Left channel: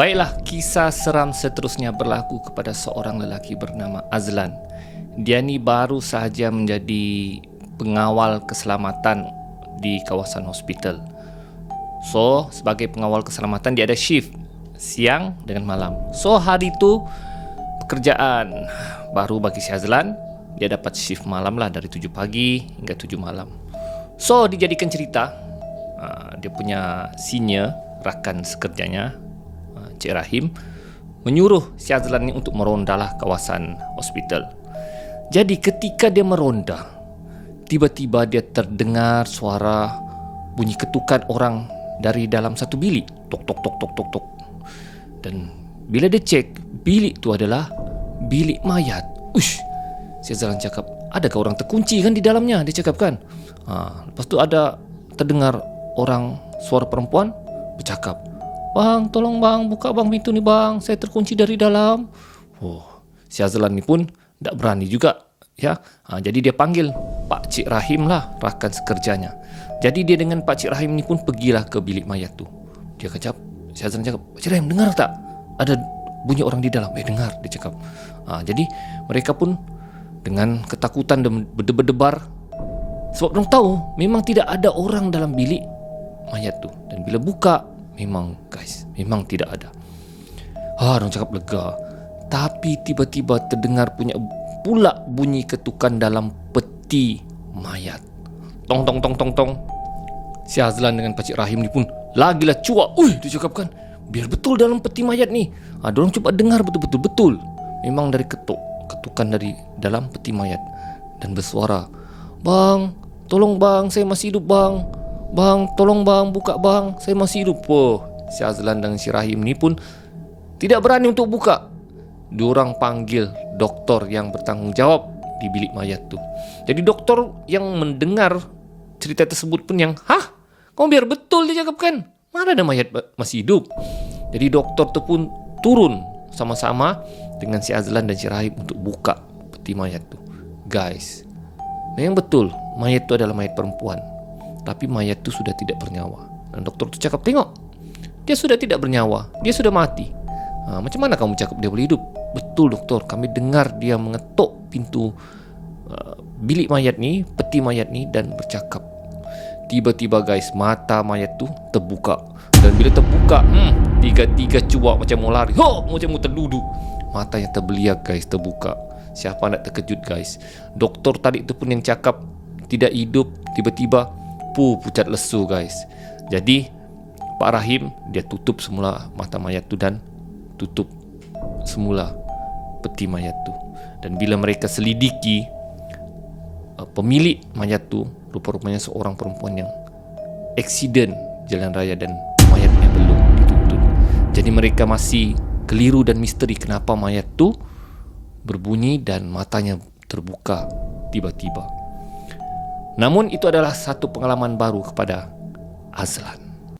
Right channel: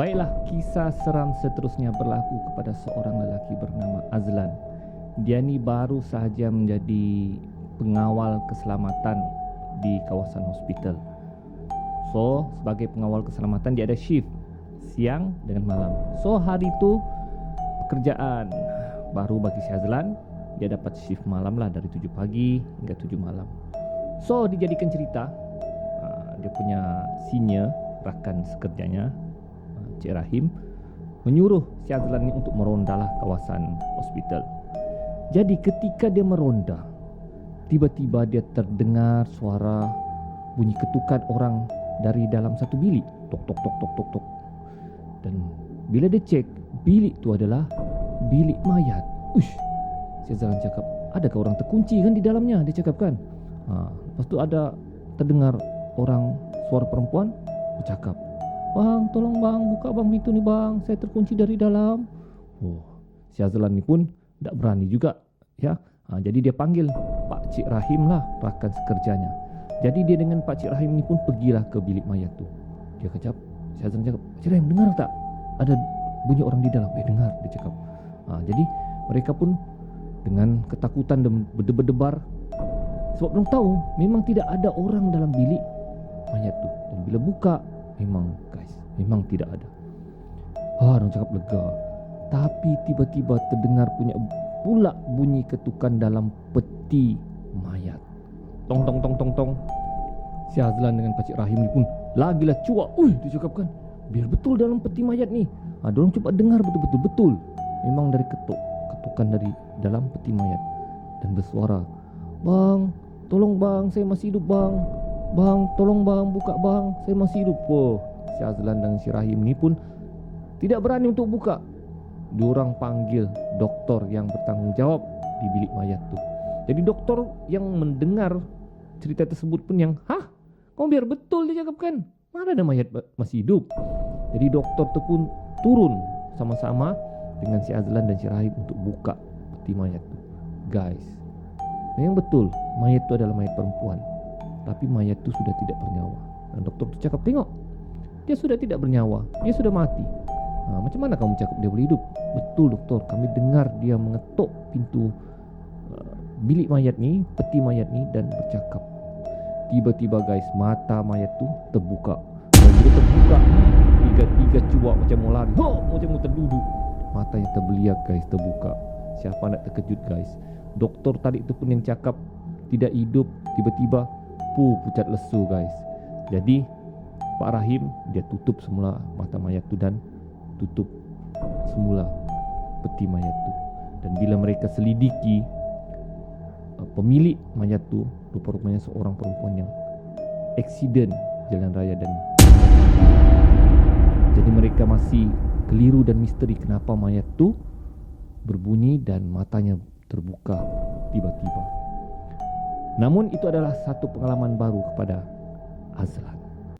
Baiklah, kisah seram seterusnya berlaku kepada seorang lelaki bernama Azlan. Dia ni baru sahaja menjadi pengawal keselamatan di kawasan hospital. So, sebagai pengawal keselamatan dia ada shift siang dengan malam. So, hari itu pekerjaan baru bagi si Azlan. Dia dapat shift malam lah, dari 7 pagi hingga 7 malam. So, dijadikan cerita, dia punya senior, rakan sekerjanya, Cik Rahim, menyuruh si Azlan ni untuk merondalah kawasan hospital. Jadi ketika dia meronda, tiba-tiba dia terdengar suara bunyi ketukan orang dari dalam satu bilik. Tok tok tok tok tok tok. Dan bila dia cek, bilik tu adalah bilik mayat. Ush, si Azlan cakap, adakah orang terkunci kan di dalamnya? Dia cakap kan. Lepas tu ada terdengar orang, suara perempuan bercakap, "Bang, tolong bang, buka bang pintu ni bang, saya terkunci dari dalam." Oh, si Azlan ni pun tak berani juga, ya. Jadi dia panggil Pak Cik Rahim lah, rakan sekerjanya. Jadi dia dengan Pak Cik Rahim ni pun pergilah ke bilik mayat tu. Dia kecap, si Azlan cakap, "Pak Cik Rahim, dengar tak? Ada bunyi orang di dalam." Dengar, dia cakap. Jadi mereka pun dengan ketakutan dan berdebar-debar, sebab mereka tahu memang tidak ada orang dalam bilik mayat tu. Dan bila buka, memang guys, memang tidak ada. Orang cakap lega. Tapi tiba-tiba terdengar pula bunyi ketukan dalam peti mayat. Tong tong tong tong tong. Si Azlan dengan Pak Cik Rahim ni pun lagilah cuak. Dia cakap kan, biar betul dalam peti mayat ni. Diorang cuba dengar betul-betul. Betul. Memang dari ketukan dari dalam peti mayat. Dan bersuara, "Bang, tolong bang, saya masih hidup bang. Bang, tolong bang, buka bang, saya masih hidup." Si Azlan dan si Rahim ni pun tidak berani untuk buka. Diorang panggil doktor yang bertanggungjawab di bilik mayat tu. Jadi doktor yang mendengar cerita tersebut pun yang, "Kau biar betul," dia cakap kan. "Mana ada mayat masih hidup?" Jadi doktor tu pun turun sama-sama dengan si Azlan dan si Rahim untuk buka peti mayat tu. Guys, memang betul mayat tu adalah mayat perempuan. Tapi mayat tu sudah tidak bernyawa. Dan doktor tu cakap, "Tengok, dia sudah tidak bernyawa, dia sudah mati. Macam mana kamu cakap dia boleh hidup?" "Betul doktor, kami dengar dia mengetuk pintu bilik mayat ni, peti mayat ni dan bercakap." Tiba-tiba guys, mata mayat tu terbuka. Dan bila terbuka, tiga-tiga cuak macam mau lari, macam mau terduduk. Matanya terbeliak guys, terbuka. Siapa nak terkejut guys? Doktor tadi tu pun yang cakap tidak hidup, tiba-tiba pucat lesu guys. Jadi Pak Rahim dia tutup semula mata mayat tu dan tutup semula peti mayat tu. Dan bila mereka selidiki, pemilik mayat tu rupa-rupanya seorang perempuan yang aksiden jalan raya dan mayatnya belum dituntut. Jadi mereka masih keliru dan misteri kenapa mayat tu berbunyi dan matanya terbuka tiba-tiba. Namun itu adalah satu pengalaman baru kepada Azlan.